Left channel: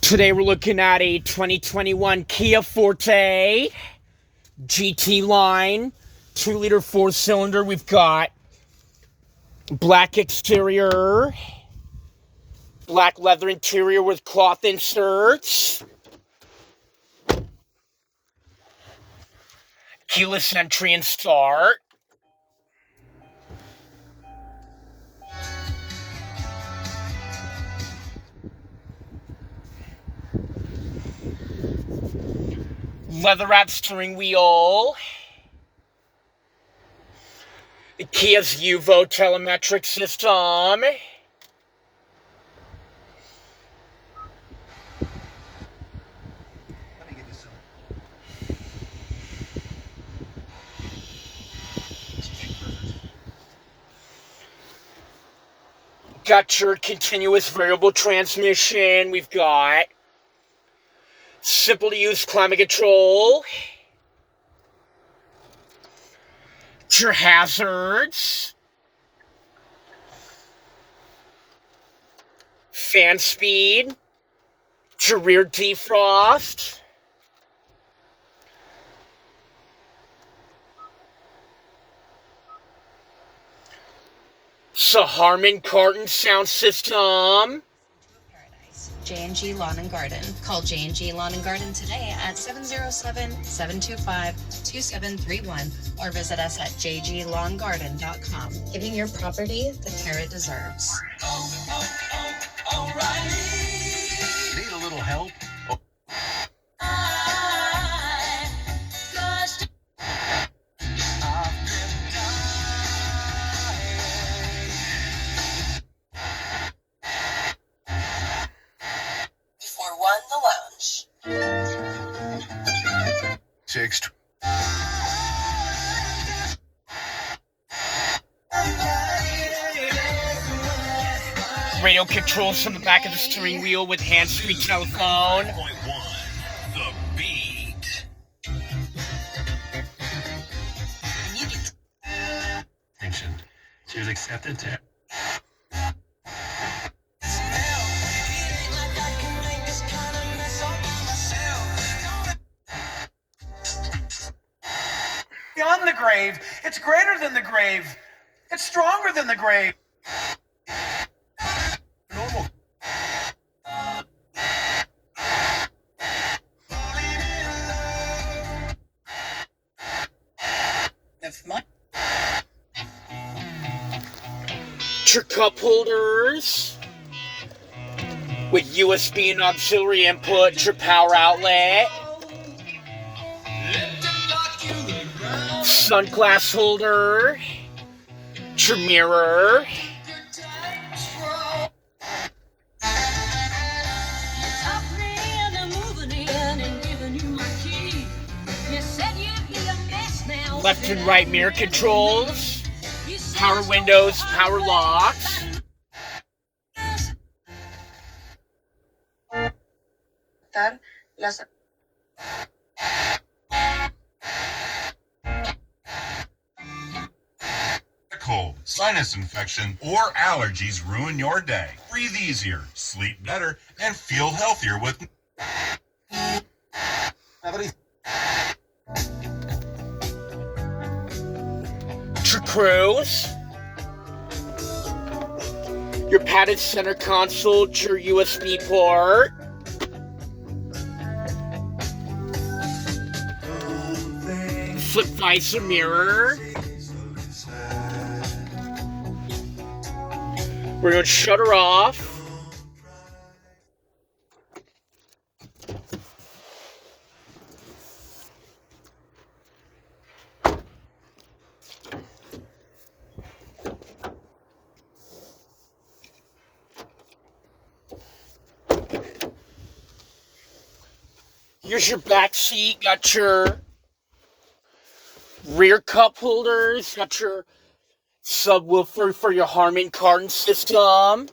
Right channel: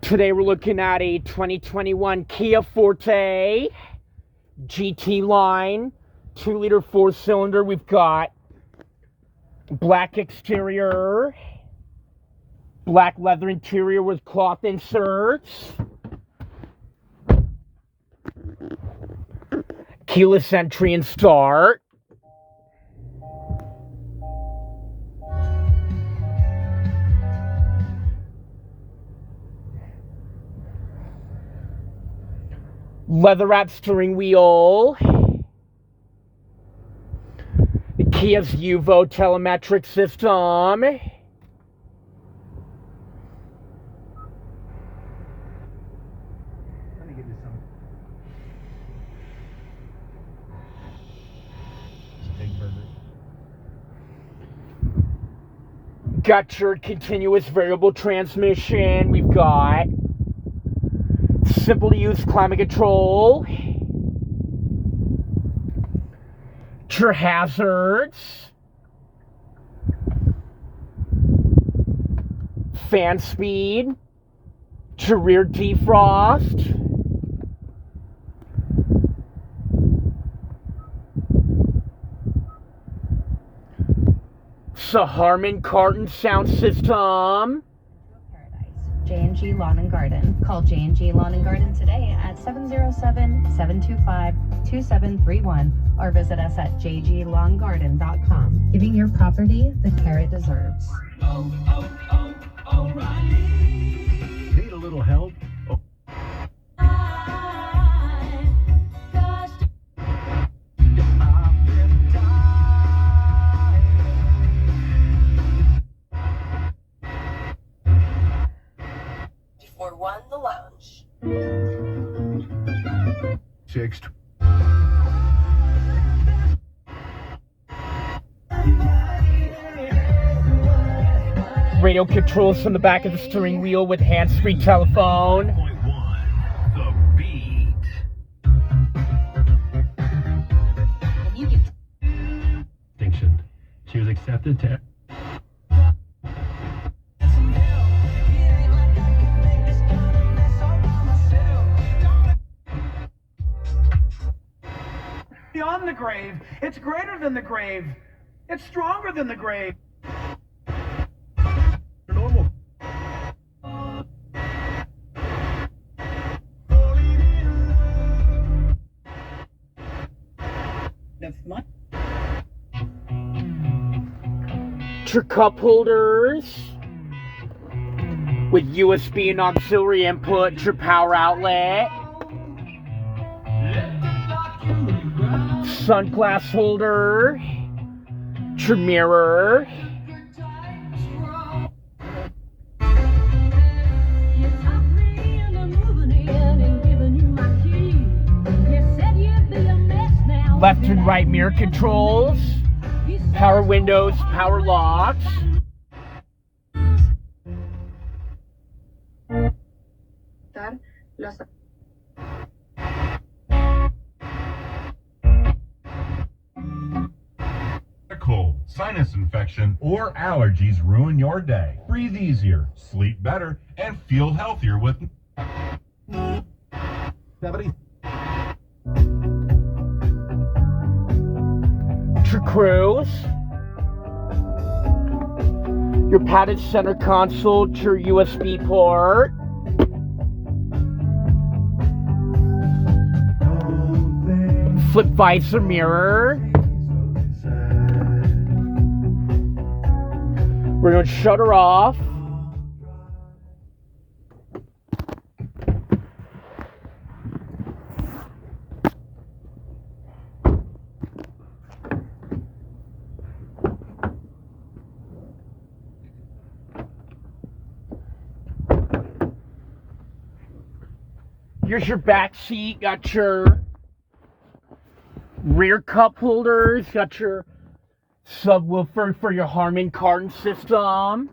Today we're looking at a 2021 Kia Forte GT line, 2-liter 4-cylinder. We've got black exterior, black leather interior with cloth inserts, keyless entry and start. Leather-wrapped steering wheel. The Kia's Uvo telemetric system. Let me get you some. Big burgers. Got your continuous variable transmission. We've got simple to use climate control. Your hazards. Fan speed. Your rear defrost. Harman Kardon sound system. J&G Lawn and Garden. Call J&G Lawn and Garden today at 707-725-2731 or visit us at jglawngarden.com. Giving your property the care it deserves. Need a little help? Oh. For one, the lounge. Six. Radio controls from the back of the steering wheel with hands-free telephone. The beat. Distinction. She was accepted to. Beyond the grave, it's greater than the grave, it's stronger than the grave. Normal. Your cup holders with USB and auxiliary input, your power outlet, sunglass holder, your mirror, left and right mirror controls, power windows, power locks. Cold, sinus infection, or allergies ruin your day. Breathe easier, sleep better, and feel healthier with Your cruise, your padded center console, your USB port, flip visor mirror. We're going to shut her off. Here's your back seat. Got your rear cup holders. Got your subwoofer for your Harman Kardon system.